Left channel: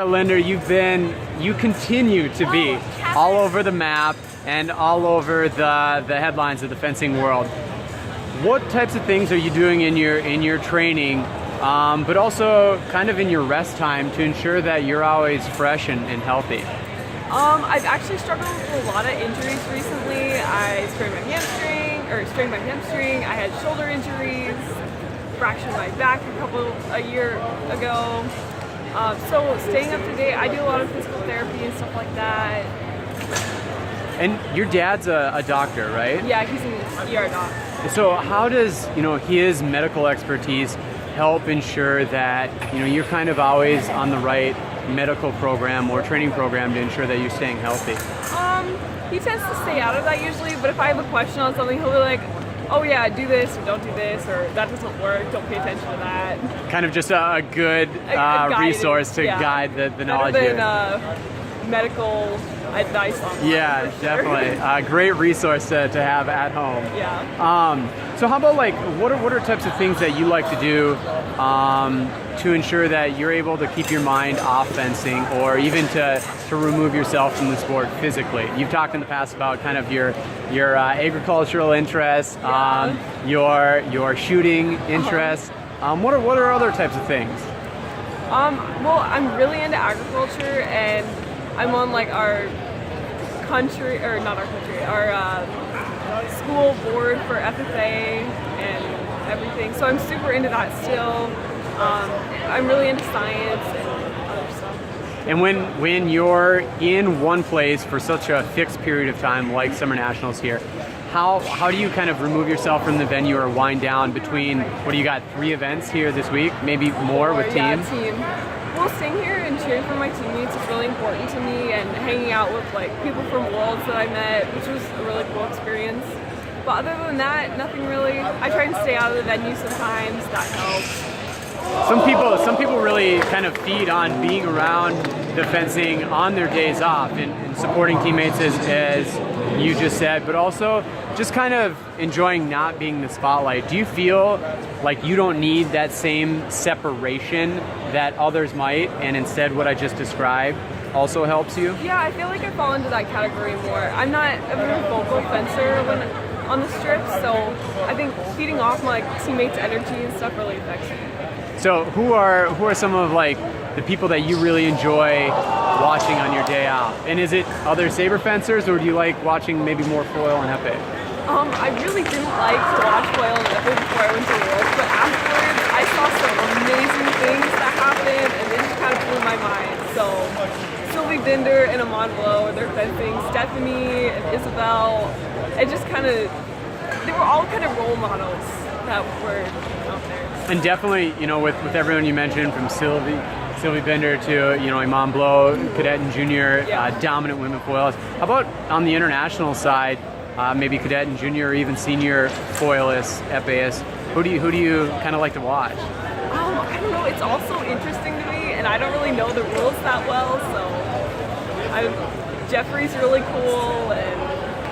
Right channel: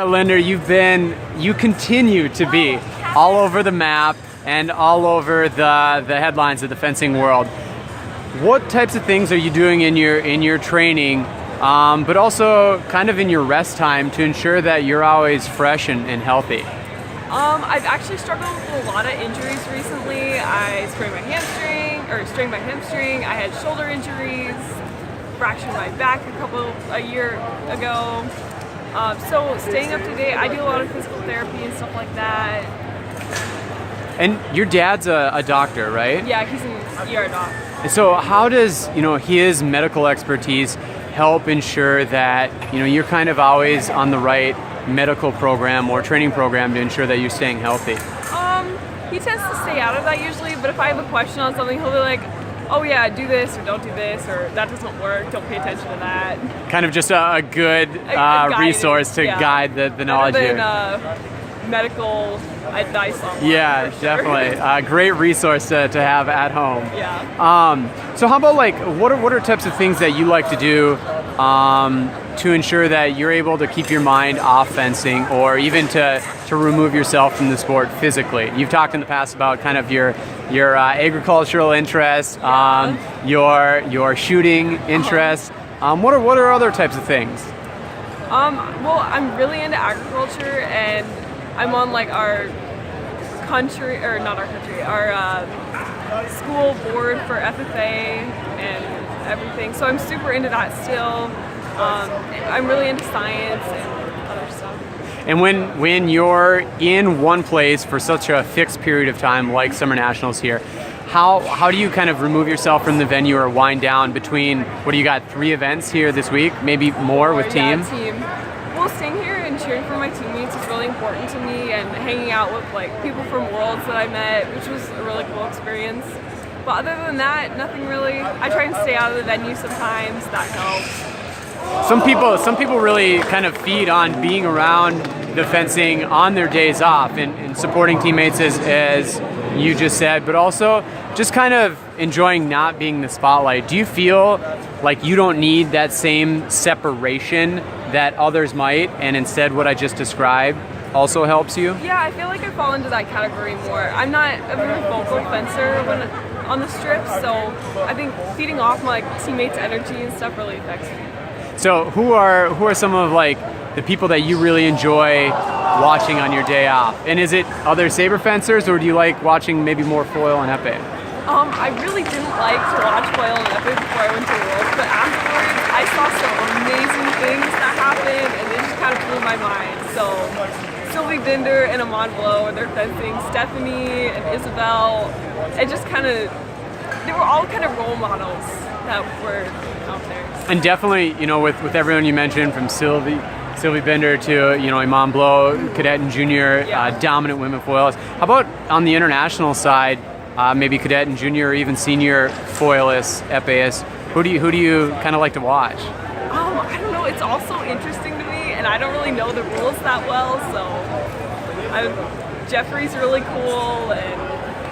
Linder, you continue to be all over the map and all over the headlines of the fencing world. What types of things are you doing in your training, but also kind of in your rest time to ensure that you're always fresh and healthy? I've actually struggled with a lot of injuries recently. I strained my hamstring. I had shoulder injuries, fractured my back a year ago. So staying up to date, I do a lot of physical therapy and stuff like that. And your dad's a doctor, right? Yeah, he's an ER doc. So how does his medical expertise help ensure that you're kind of always on the right medical program or training program to ensure that you're staying healthy? He tends to stay out of that usually, but if I have a question on something, he'll be like, oh yeah, do this or don't do this, or that doesn't work, don't pay attention to that. Kind of just a good resource to guide the knowledge. Better than medical advice online. Yeah, for sure. definitely. A great resource to have at home. Yeah. So how about what are types of things that you like to do to ensure that you're able to keep your mind off fencing, or even to remove yourself from the sport physically? You've talked in the past about kind of your agricultural interests, your shooting interests. What are other types of things? Well, I'm really into agriculture, and I'm on our school board for FFA and everything. So I'm super into that still. I'm really into science and other stuff. And when you're in one place for such a fixed period of time, like Summer Nationals here, how do you kind of remove yourself from the venue or wind down between, what do you got, 3 events here this week, maybe more with team? Yeah, team. Well, staying here and cheering for my teammates is really important to me, and hanging out with people from Worlds that I met, which was a really cool experience. But other than that, nothing really. I try and stay out of the venue sometimes. That helps. Some people really kind of feed on being around the fencing on their days off and supporting teammates, as you just said, but also just kind of enjoying not being the spotlight. Do you feel like you don't need that same separation that others might, and instead what I just described also helps you? Yeah, I feel like I fall into that category more. I'm not a very vocal fencer when on the strips, so I think feeding off my teammates' energy and stuff really affects me. So who are some of the people that you really enjoy watching on your day off? And is it other saber fencers, or do you like watching maybe more foil and epee? I really didn't like to watch foil and epee before I went to Worlds, but afterwards I saw some amazing things that happened, and it just kind of blew my mind. So Linder and Amon Blow, they're fencing, Stephanie and Isabel, and just they were all kind of role models that were out there. And definitely, with everyone you mentioned, from Sylvie Bender to Iman Blow, cadet and junior, dominant women foilists. How about on the international side, maybe cadet and junior, or even senior foilists, epeists? Who do you kind of like to watch? I don't know. It's also interesting to me, and I don't really know the rules that well. So, Jeffrey's really cool, and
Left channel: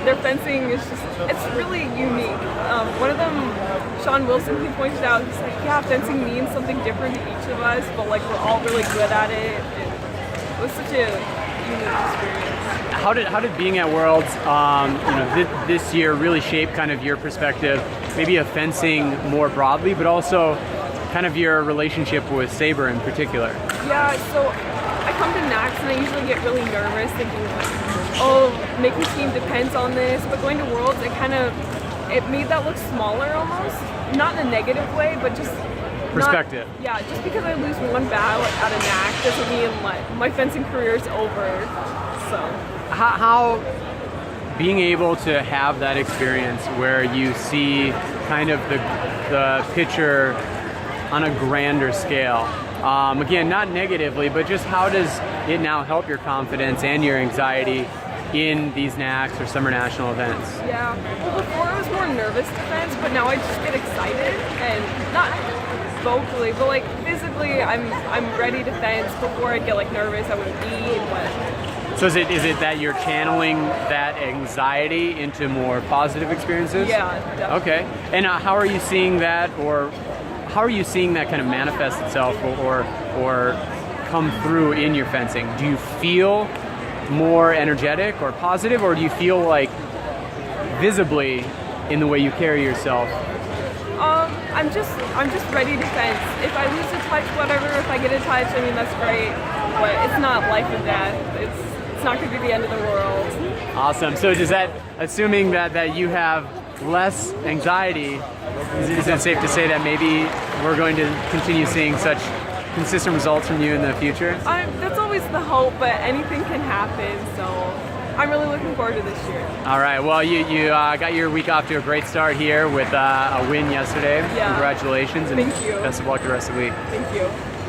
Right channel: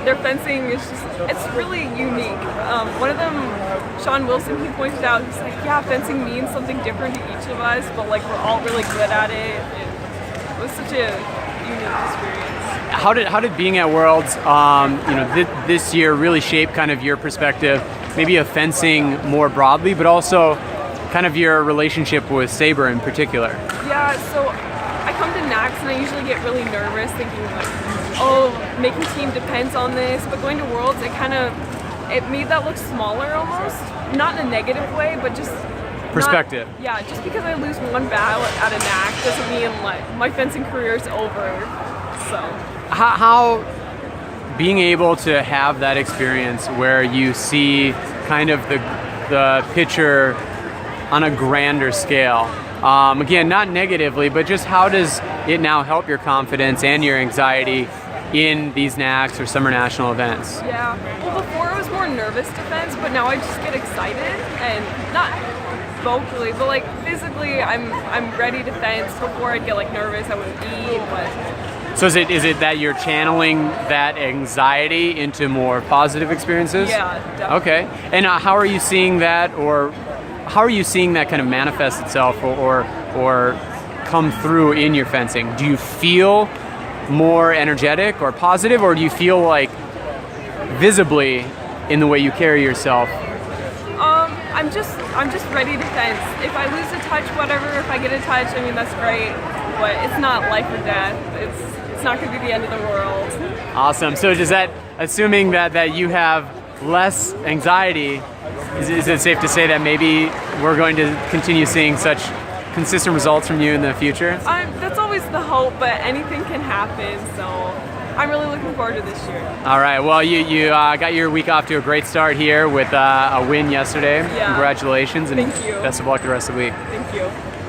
their fencing is it's really unique. One of them, Sean Wilson, he pointed out, he's like, yeah, fencing means something different to each of us, but we're all really good at it, and it was such a unique experience. How did being at Worlds, this year really shape kind of your perspective, maybe of fencing more broadly, but also kind of your relationship with saber in particular? Yeah, so I come to NACS and I usually get really nervous, thinking making team depends on this, but going to Worlds, it made that look smaller almost. Not in a negative way, but just perspective. Just because I lose one battle at a NAC doesn't mean my fencing career is over. So how being able to have that experience where you see kind of the picture on a grander scale, again, not negatively, but just how does it now help your confidence and your anxiety in these NACs or Summer National events? Yeah, well, before I was more nervous to fence, but now I just get excited, and not vocally, but physically, I'm ready to fence. Before I'd get nervous, I wouldn't eat, but. So is it that you're channeling that anxiety into more positive experiences? Yeah, definitely. Okay, and how are you seeing that, or how are you seeing that kind of manifest itself, or come through in your fencing? Do you feel more energetic or positive, or do you feel like visibly in the way you carry yourself? I'm just ready to fence. If I lose a touch, whatever. If I get a touch, I mean, that's great, but it's not life or death. It's not going to be the end of the world. Awesome. So does that, assuming that you have less anxiety, is it safe to say that maybe we're going to continue seeing such consistent results from you in the future? That's always the hope, but anything can happen, so I'm really looking forward to this year. All right. Well, you got your week off to a great start here with a win yesterday. Yeah. Congratulations. And Thank you. Best of luck the rest of the week. Thank you.